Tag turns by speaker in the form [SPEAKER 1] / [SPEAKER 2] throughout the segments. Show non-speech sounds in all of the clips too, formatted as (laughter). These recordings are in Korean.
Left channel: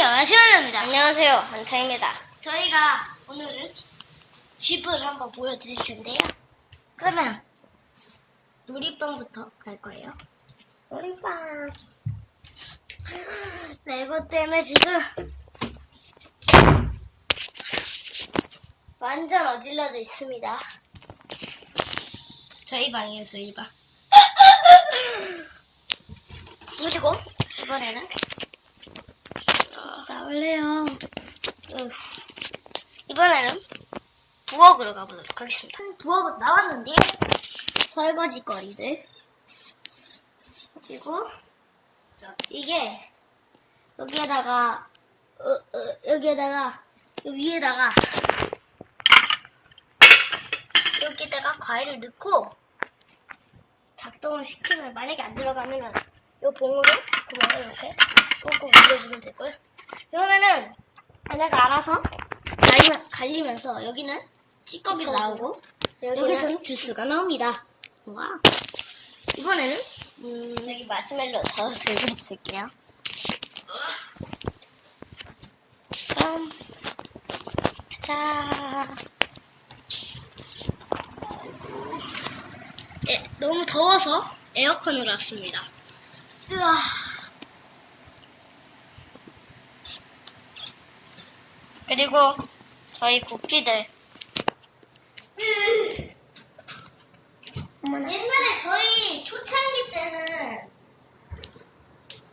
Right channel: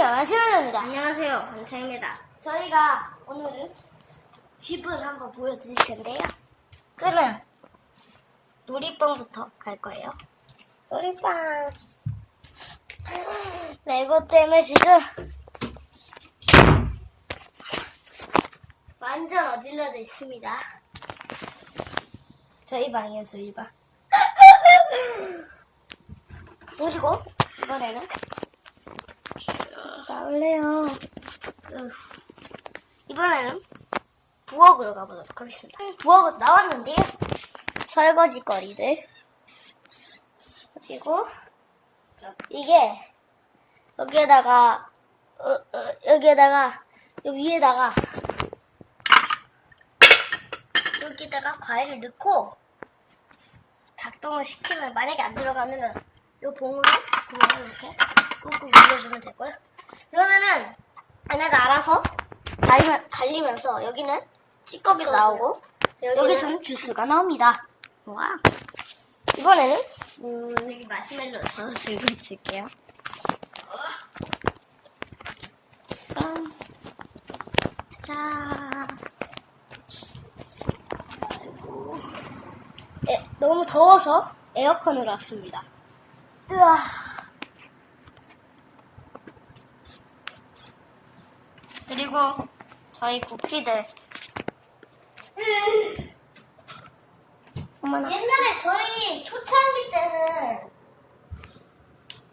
[SPEAKER 1] 안녕하세요, 신원입니다. 안녕하세요, 원타입니다. 저희가 오늘은 집을 한번 보여드릴 텐데요. 그러면 놀이방부터 갈 거예요. 놀이방. 레고 때문에 지금 완전 어질러져 있습니다. 저희 방이에요, 저희 방. (laughs) 그리고 이번에는 나올래요. 으. 이번에는 부엌으로 가보도록 하겠습니다. 부엌은 나왔는데요. 설거지 거리들. 그리고 이게 여기에다가 어, 어, 여기에다가 여기 위에다가 여기다가 과일을 넣고 작동을 시키면 만약에 안 들어가면은 요 봉으로 구멍을 이렇게 꾹꾹 눌러주면 될걸. 그러면은 얘네가 알아서 갈리면, 갈리면서 여기는 찌꺼기가 나오고 여기서는 주스가 나옵니다. 와. 이번에는 음, 여기 마시멜로 저 들고 있을게요. 그럼 자. 예, 너무 더워서 에어컨으로 왔습니다. 우와. 그리고 저희 구피들. 옛날에 저희 초창기 때는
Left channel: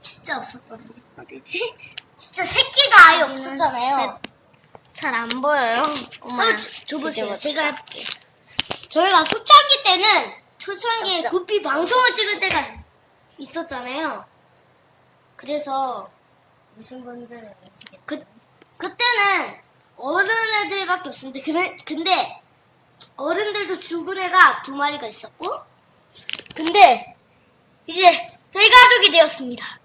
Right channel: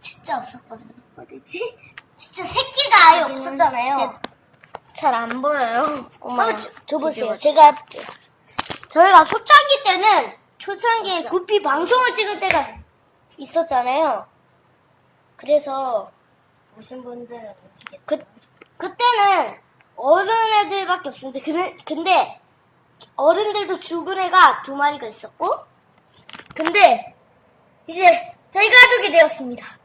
[SPEAKER 1] 진짜 없었거든요. 어디지? 진짜 새끼가 아예 없었잖아요. 잘 안 보여요. 엄마, 어, 줘보세요. 제가 할게요. 저희가 초창기 때는 초창기에 구피 방송을 찍을 때가 있었잖아요. 그래서
[SPEAKER 2] 오신 분들은?
[SPEAKER 1] 그 그때는 어른 애들밖에 없었는데 근데, 근데 어른들도 죽은 애가 두 마리가 있었고 근데 이제 저희 가족이 되었습니다.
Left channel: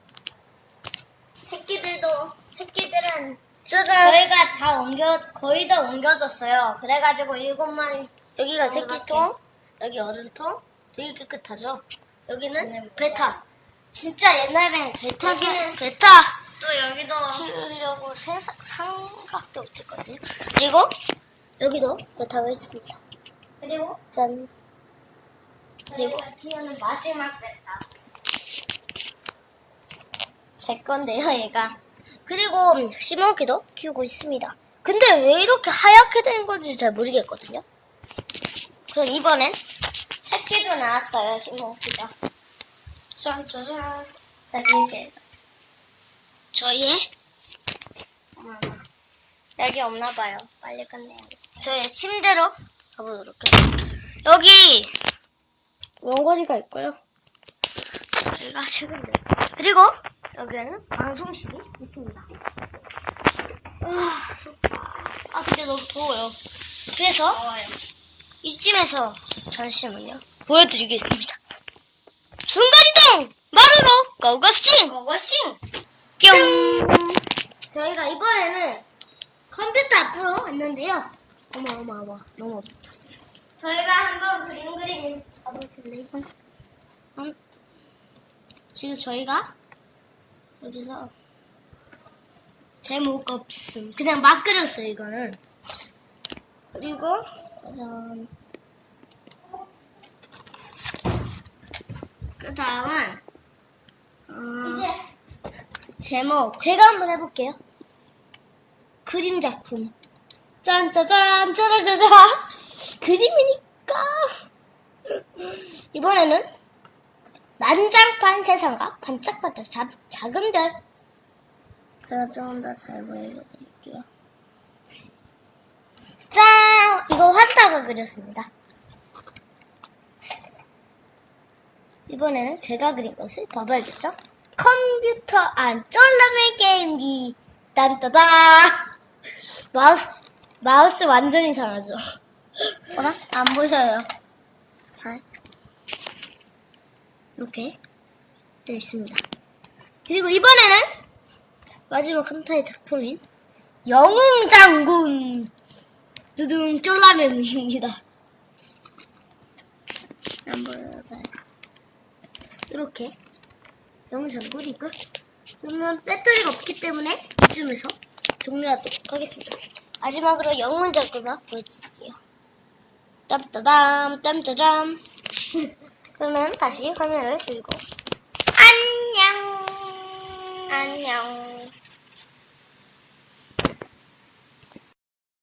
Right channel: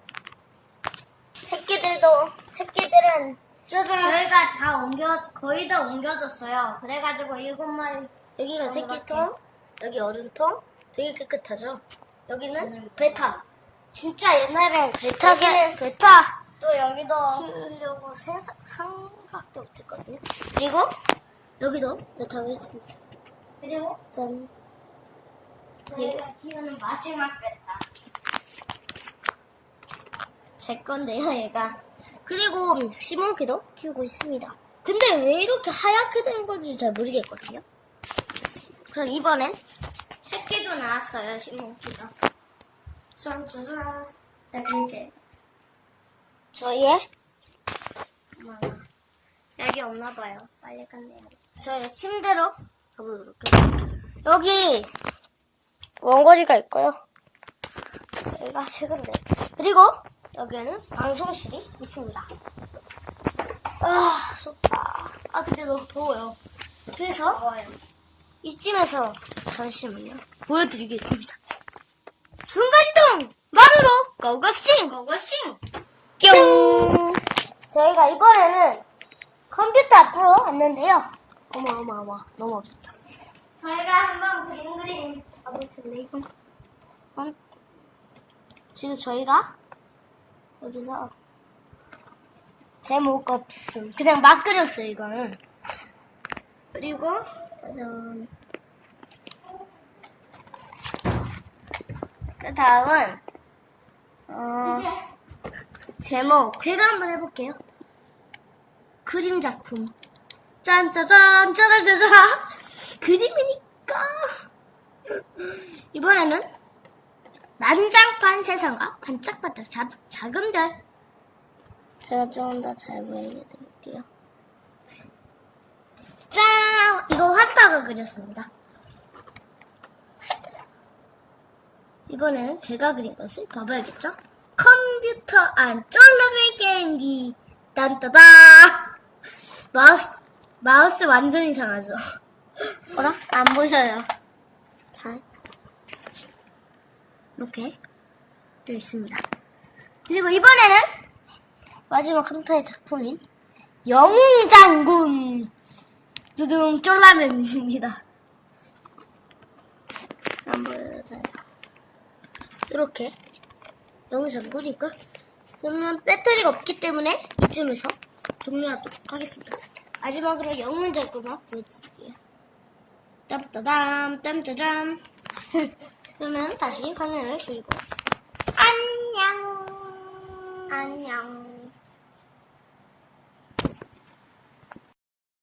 [SPEAKER 1] 새끼들도 새끼들은
[SPEAKER 2] 저희가 다 옮겨 거의 다 옮겨졌어요. 그래가지고 일곱 마리
[SPEAKER 1] 여기가
[SPEAKER 2] 어,
[SPEAKER 1] 새끼통 여기 어른통 되게 깨끗하죠. 여기는
[SPEAKER 2] 네,
[SPEAKER 1] 베타 진짜 옛날엔 베타 사, 베타
[SPEAKER 2] 또 여기도
[SPEAKER 1] 키우려고 생각, 생각도 못했거든요. 그리고 여기도 베타가 있습니다.
[SPEAKER 2] 그리고
[SPEAKER 1] 짠. 그리고
[SPEAKER 2] 키우는 마지막 베타.
[SPEAKER 1] 제 건데요, 얘가. 그리고 시몬키도 키우고 있습니다. 근데 왜 이렇게 하얗게 된 건지 잘 모르겠거든요. 그럼 이번엔 새끼도 나왔어요, 시몬키가. 짠 짜잔. 여기 이제 저희의 여기 없나 봐요. 빨리 끝내요. 저의 침대로 가보도록 해요. 여기 원고리가 있고요. 저희가 최근에 그리고 여기에는 방송실이 있습니다. 아, 좋다. 아, 근데 너무 더워요. 그래서. 이쯤에서 잠시만요. 보여드리겠습니다. 순간이동! 마루로 고고싱!
[SPEAKER 2] 고고싱!
[SPEAKER 1] 뿅! 저희가 이번에는 컴퓨터 앞으로 왔는데요. 어머, 어머, 어머. 너무 어렵다.
[SPEAKER 2] 저희가 한번 그림 그림
[SPEAKER 1] 가보실래요? 음, 지금 저희가 여기서 제목 없음. 그냥 막 그렸어요, 이거는. 그리고, 짜잔. 그 다음은, 어,
[SPEAKER 2] 이제
[SPEAKER 1] 제목. 제가 한번 해볼게요. 그림 작품. 짠 짜잔, 짜라짜자. 그림이니까. 이번에는 난장판 세상과 반짝반짝 자, 작은 별. 제가 조금 더 잘 보이게 드릴게요. 짠! 이거 환타가 그렸습니다. 이번에는 제가 그린 것을 봐봐야겠죠? 컴퓨터 안 쫄라맨 게임기. 딴따다! 마우스, 마우스 완전 이상하죠? 뭐라? 안 보여요. 잘. 이렇게 되어 있습니다. 그리고 이번에는 마지막 한타의 작품인 영웅장군 두둥 쫄라맨입니다. 안 보여요, 잘. 이렇게 영웅장군이고 그러면 배터리가 없기 때문에 이쯤에서 종료하도록 하겠습니다. 마지막으로 영문 작거나 보여드릴게요. 땀따담, 짬짜잠. (laughs) 그러면 다시 화면을 줄이고. 안녕!
[SPEAKER 2] 안녕.